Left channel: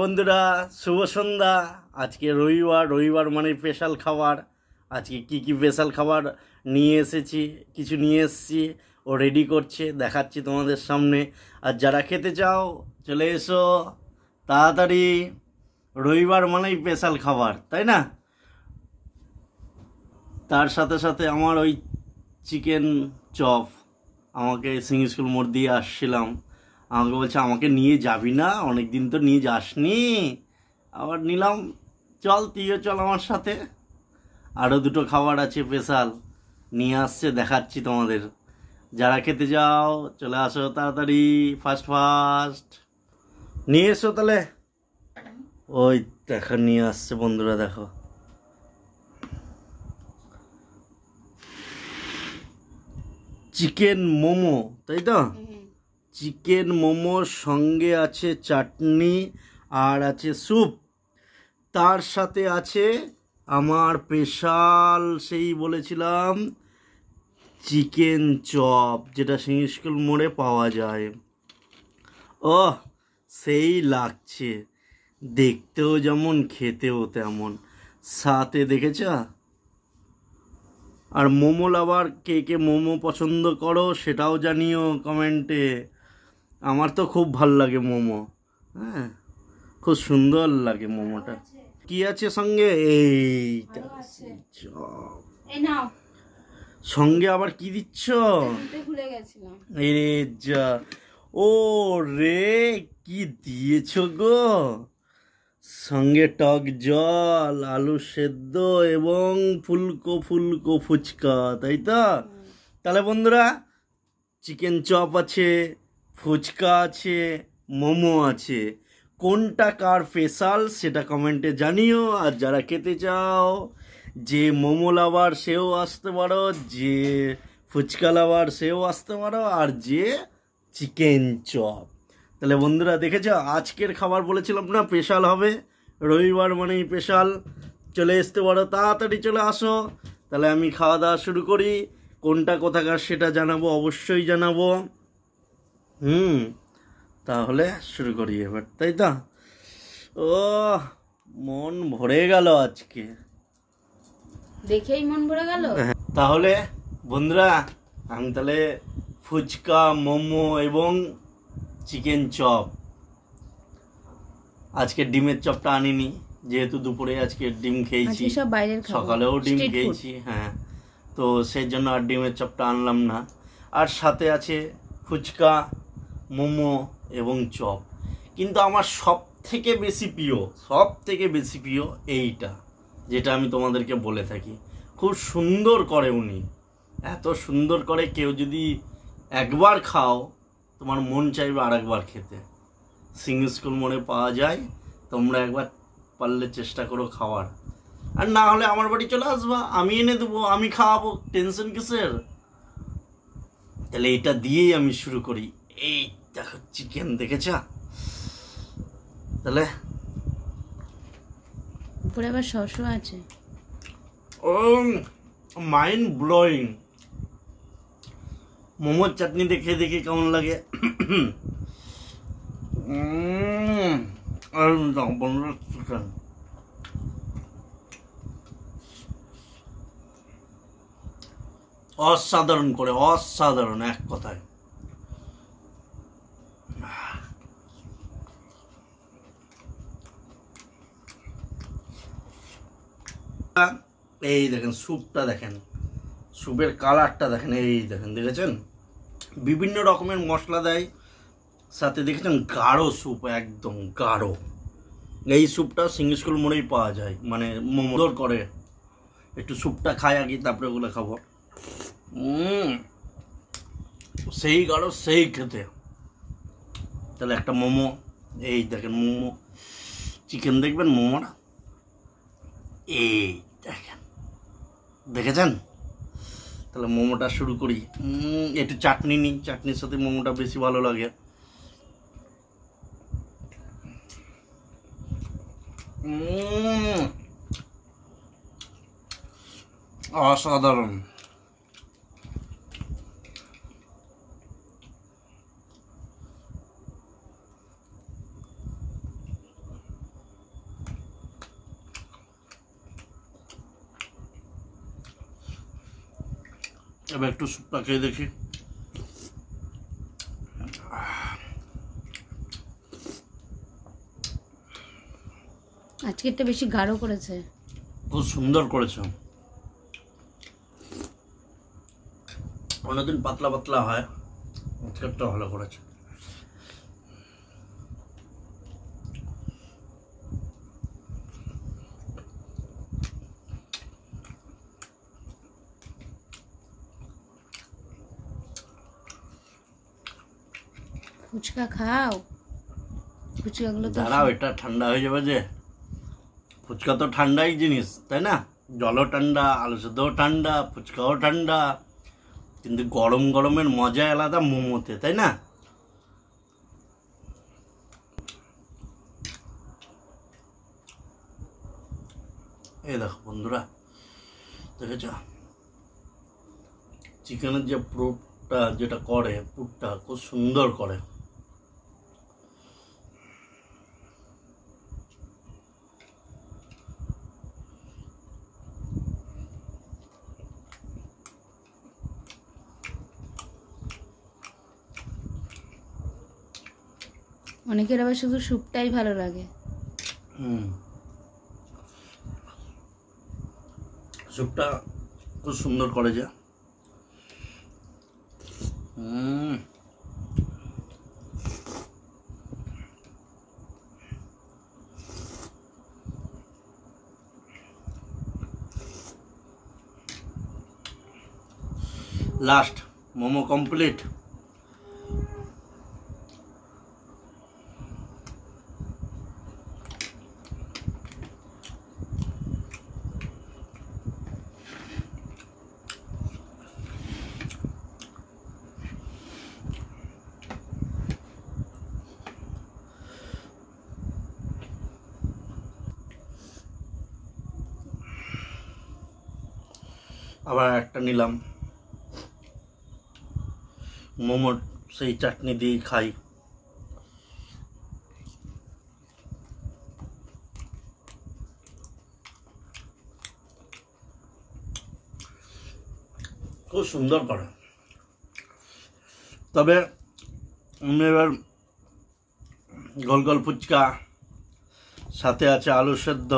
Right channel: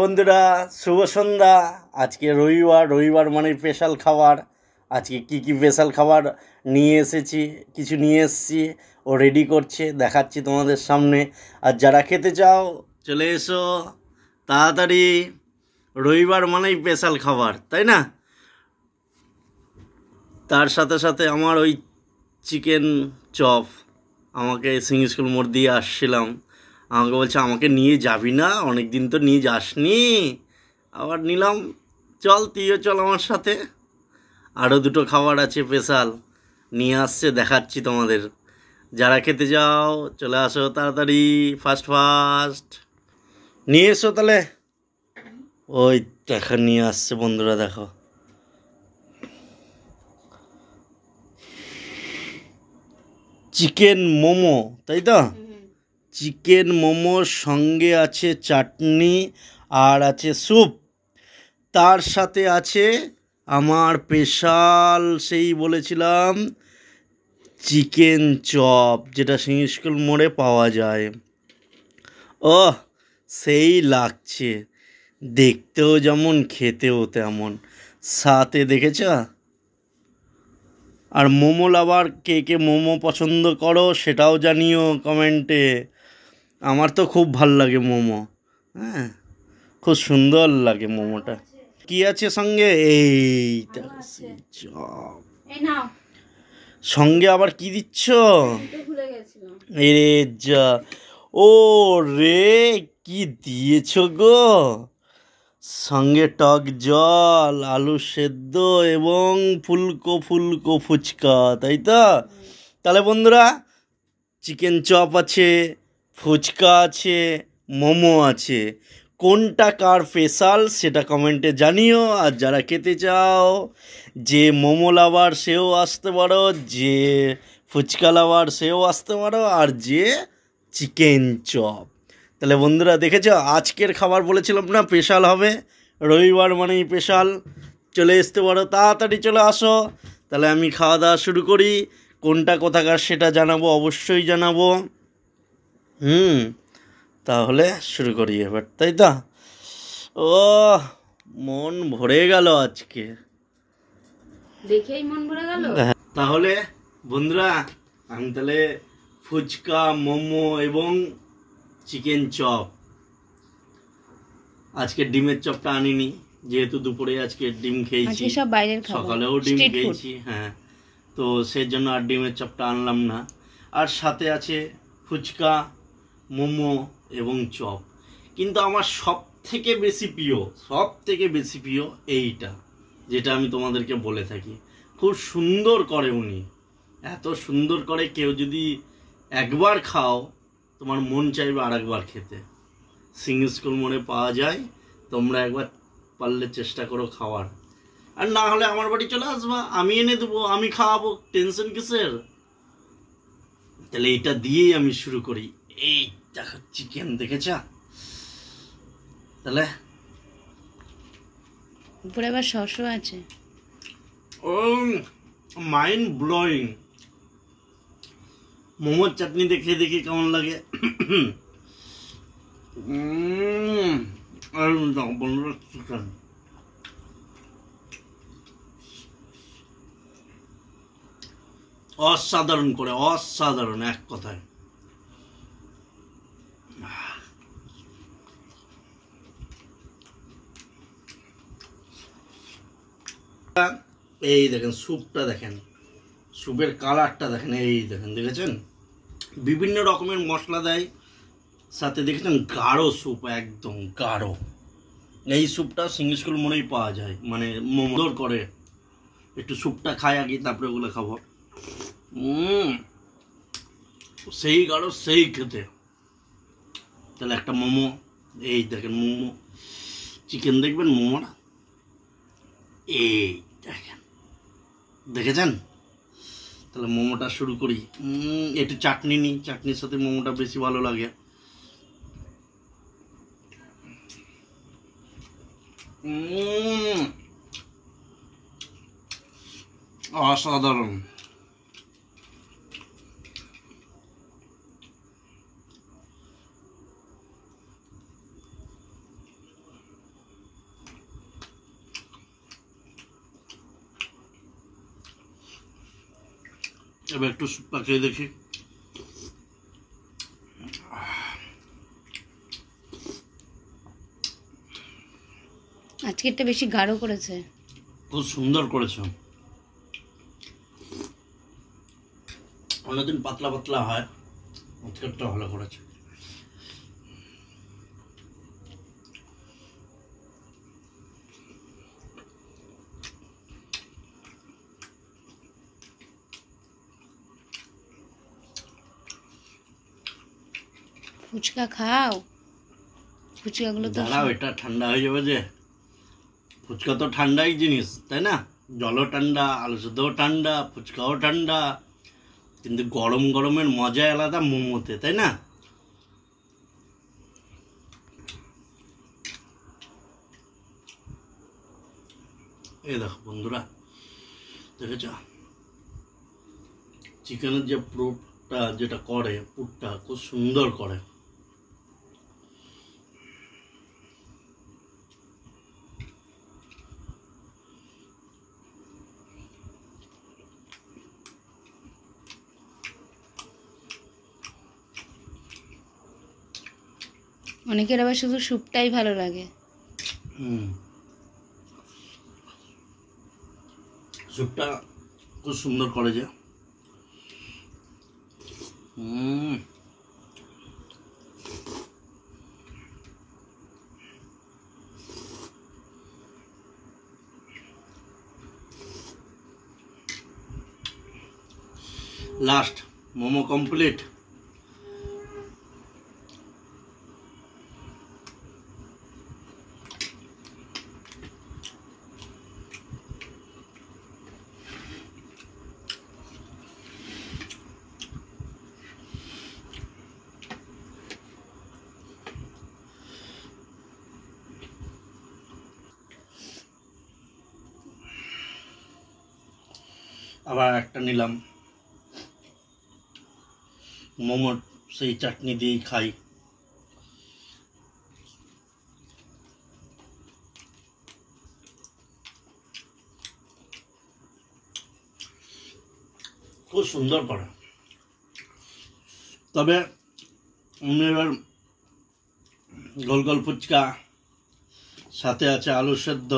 বন্ধুরা শুভ সন্ধ্যা। আজকে রবিবার মানে স্পেশাল খাবার। আজকে কি স্পেশাল খাবার নিয়ে এসেছি, কিছু নিয়ে এসেছি, ও রেডি করছে, দেখাচ্ছি তোমাদের সামনে। আর যারা খেতে চাও চলে এসো তাড়াতাড়ি। রবিবার মানেই স্পেশাল খাবার, তাই না? তার সাথে সাথে আমার ওই চিকেন চপ, আমাকে সিং স্কুল মোড় দিয়ে আসছিলাম, আমাকে বলছে আমাকে নিয়ে যাবি না, অনেক দিন তো নিয়ে যাসনি। আবার নিলাম, চল তুইও চল আমার সাথে। আরও দুটো খাবার আছে স্পেশাল, নিয়ে আসছে, দেখাচ্ছি তোমাদের। যারা খেতে যাও চলে আসো তাড়াতাড়ি, ফার্স্ট নিয়ে এসো তাহলে। ওই দেখা নিয়ে আসছে বন্ধুরা, দেখো। চিকেন মোমো, তাই তো? চিকেন মোমোর সঙ্গে আছে চাটনি আর আছে স্যুপ, তার সাথে আছে আমার স্পেশাল সেই বলেছিলাম চিকেন চপ, যেটা সিং স্কুল মোড়ে পাওয়া যায়। ও সেই লাগছে, দেখতেও যেমন খেতেও তেমন, সাথে দেখেছ? আর মোমো লাভার কে কে মোমো পছন্দ করো সেটাও জানিও কমেন্টে। আমার তো খুব ভাল লাগে মোমো, হ্যাঁ, খুব সুন্দর লাগে মোমোটা। কি আছে সঙ্গে? এইটা চপ, সঙ্গে আবার কি দিচ্ছ? এরে যা, ও রে, কি দিয়েছ গো? সঙ্গে টক জল, আলু সেদ্ধ এবং ফুলকো ফুলকো ফুচকা, তাই তো? তাহলে বন্ধুরা, চিকেন চপ আছে, ফুচকা আছে, মোমো আছে, কোনটা কার স্পেশাল সেটা কমেন্টে জানিও। আর যারা খেতে চাও, যে মোমো লাভার সেও আসতে পারো, যে ফুচকা লাভার সেও আসতে পারো, আর যে চিকেন চপ। তাহলে বন্ধুরা দেখেছো, আজকের খাবার বলেছিলাম না স্পেশাল হবে, রবিবার মানেই স্পেশাল। চলে আসতে পারো, তাড়াতাড়ি চলে আসো। তাহলে আমি খাওয়া দাওয়া শুরু করি। কোনটা কোথাকার সেটা জানাবো, অবশ্যই জানাবো। তাহলে শুরু করি এবার, তাই তো? ও মন ভরে গেল আজকে, দেখেই মন ভরে গেল। তাহলে বন্ধুরা, আমি তাহলে ফুচকা, মোমো এবং চিকেন চপ, আজকে ডিমের চপটা আনিনি, যেহেতু দুপুরে আজকে ডিম খেয়েছি, সব বাইরের খাবার, সকালেও ডিম খেয়েছি, হ্যাঁ, তো সেই জন্য আর ডিমের চপটা আনলাম না। আর সাথে আছে ফুচকা, মোমো এবং চপ। কিন্তু আমার সব থেকে বেশি প্রিয় এইটা, যেটা আমি তোমাদেরকে বলে থাকি, খুব সুন্দর করে উনি, এত সুন্দর করে, কেউ যদি একবার খাও তোমার মন চাইবে আর একবার খেতে। সিং স্কুল মোড়ে পাওয়া যায়, তোমরা একবার পারলে চেষ্টা করো খাওয়ার। আর না হলে আমার বাড়ি চলে আসবা, আমি এনে দেবো, আমি খাওয়াবো, টেনশন কিসের? তাহলে এটা দিয়েই আমি শুরু করি। এই দেখো চিকেন, দেখেছ? তাহলে উপরে আবার শসা আছে। ও মাইন্ড ব্লোয়িং। মোমোর চাটনি দেখে দেখে কেমন লাগে। চিকেন অসাধারণ করে, অসাধারণ এক কথায়। এই দেখেন স্যুপটা, দেখেন স্যুপের কালারটা দেখেন, এই দেখেন, দেখেছেন? বিভিন্ন রকমের মশলা দেয় সাথে, দেখেছেন? গাঢ় স্যুপ, একদম গাঢ়। এই স্যুপটা সিং স্কুল মোড়েই পাওয়া যায়, মানে মোমো করে। একটু স্যুপটা খাই আগে, তারপরে ওগুলো খাবো। সেই গাঢ়, সেই খেতে। তাহলে একটা মোমো, এই দেখেন মোমো, চিকেন দেখবেন, মোমোটা এই দেখেন, দেখেছেন? তাহলে মোমোটা শুরু করি। একটু চাটনি নিই, চাটনির সাথে মোমোটা বেশি ভালো লাগে। অসাধারণ। এবার একটু স্যুপটা খেয়ে দেখি। আজকে একটা বেশি গাঢ় করেছে। খুব সুন্দর করেছো। অন্যদিন পাতলা পাতলা হয়, আজকেরটা ভালো করেছে। ফুচকা খাও, ফুচকাগুলো তো দাঁড়াও, এটা ঠান্ডা হয়ে যাবে যে। ফুচকা তো ঠান্ডাই জিনিস, তাই না? জলও ঠান্ডা, আলু সেদ্ধও ঠান্ডা, ফুচকাও ঠান্ডা, কিন্তু গরম গরমের মজা আলাদা মোমোতে, তাই না? এই দেখো বন্ধুরা, দেখেছ চিকেনের যে পুরটা যেটা করে, পুরটা খুব সুন্দর করে। অনেকের আবার শুধু স্যুপটাই ভালো লাগে। স্যুপটা খুব সুন্দর করে যে। Last momo complete. আবার একটা নিলাম, মোমোর সেই চাটনি দিয়েই খাই। খুব সুন্দর করে। তবে আমি এবার গোল গোল ফুচকা, সাথে আছে আলু সেদ্ধ।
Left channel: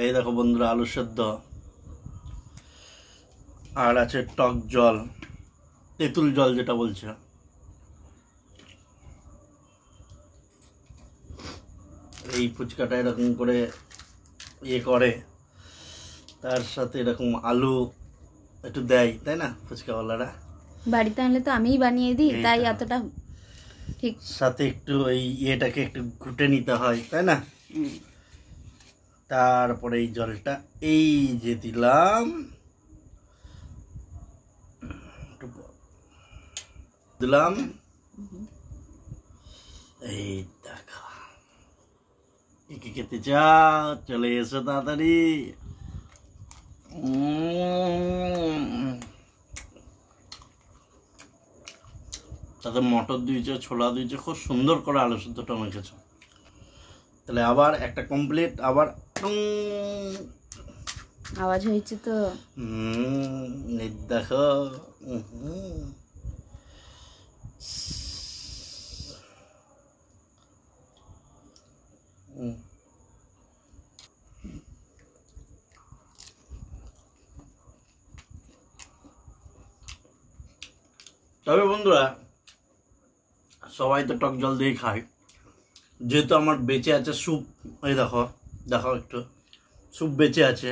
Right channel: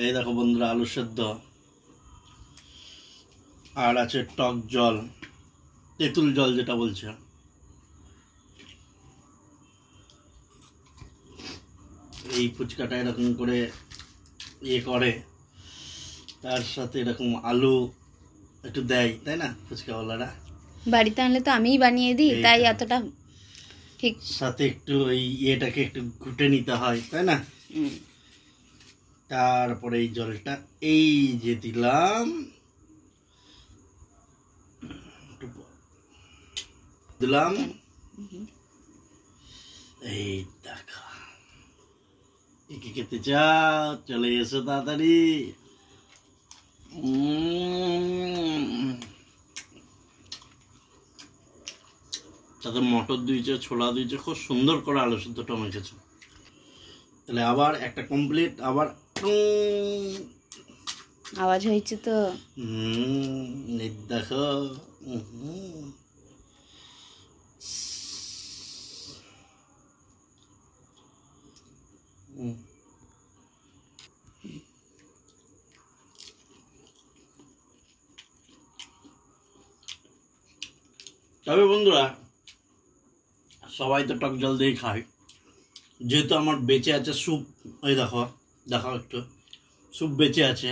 এই দেখো বন্ধুরা, আলু সেদ্ধ, আর আছে টক জল, তেঁতুল জল যেটা বলছে। এই ফুচকাটা এরকম করে ইয়ে করে, তার সাথে এরকম আলু একটু দেয়, তাই না ফুচকাওয়ালারা? বাড়িতে আনলে তো আমিই বানিয়ে দিই, তাই এতটা ঠিক। সাথে একটু এই ইয়েটাকে একটু ঘুটে নিতে হয়, তাই না? তারপরে এই জলটা এই যে দিলাম, দিলাম, এই দেখা। কি খেতে চাও? চলে এসো তাড়াতাড়ি। তাতে মটর দিয়েছে, ছোলা দিয়েছে, খুব সুন্দর করে আলু সিদ্ধটা মেখেছে। তাহলে আবার একটা কমপ্লিট। আবার আওয়াজ হয়েছে তো। দেখো, তবে বন্ধুরা, সবাই তো টক জল দিয়েই খায়, যেহেতু আমার বেঁচে আছে স্যুপ। এই দেখো, দেখো একটু স্যুপ বেঁচে আছে।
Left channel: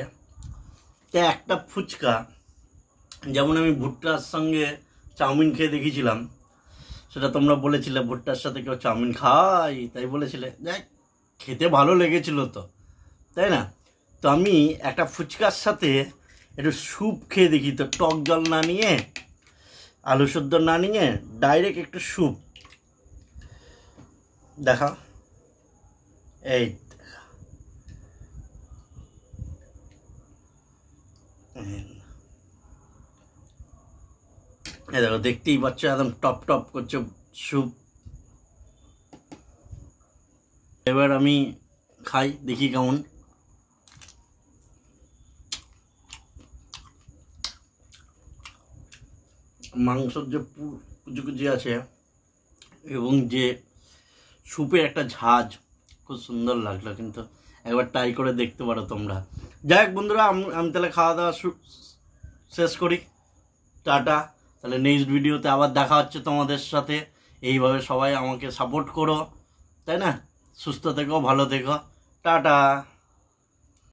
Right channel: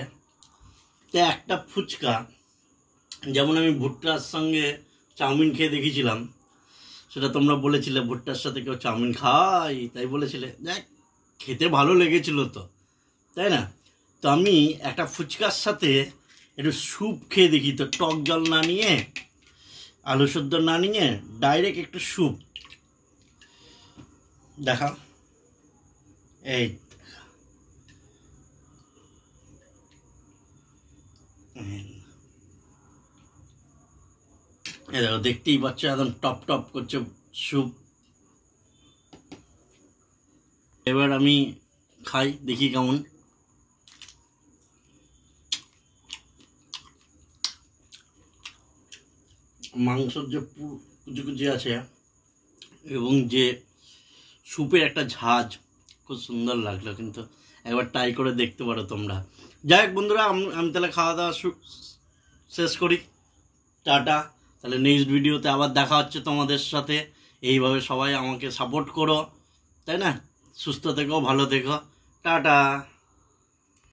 তো একটা ফুচকা, যেমন আমি ভুট্টার সঙ্গে চাউমিন খেয়ে দেখেছিলাম, সেটা তোমরা বলেছিলে ভুট্টার সাথে কেউ চাউমিন খায়, তাই বলেছিলে। দেখ, খেতে ভালো লেগেছিল তো, তাই না? তো আমি একটা ফুচকার সাথে একটু স্যুপ খেয়ে দেখি তো, টক জল না নিয়ে, আলু সেদ্ধ না নিয়ে, ডাইরেক্ট একটু স্যুপ। দেখাও, এই দেখো, দেখতেই পাচ্ছ একদম টপ টপ করছে স্যুপ। এবার আমি খাই, দেখি কেমন। মাংসর যে কুচি কুচি আছে এবং যে স্যুপের একটা ঝাঁজ, খুব সুন্দর লাগলো। কিন্তু একবার ট্রাই করে দেখতে পারো তোমরা। যাই হোক বন্ধুরা, আমি তাহলে খাওয়া দাওয়া শেষ করি। টাটা। তাহলে নেক্সট ভিডিওতে আবার দেখা হচ্ছে তোমাদের সাথে। এইভাবে সবাই আমাকে সাপোর্ট করো, তাই না? সুস্থ থেকো, ভালো থেকো, টাটা।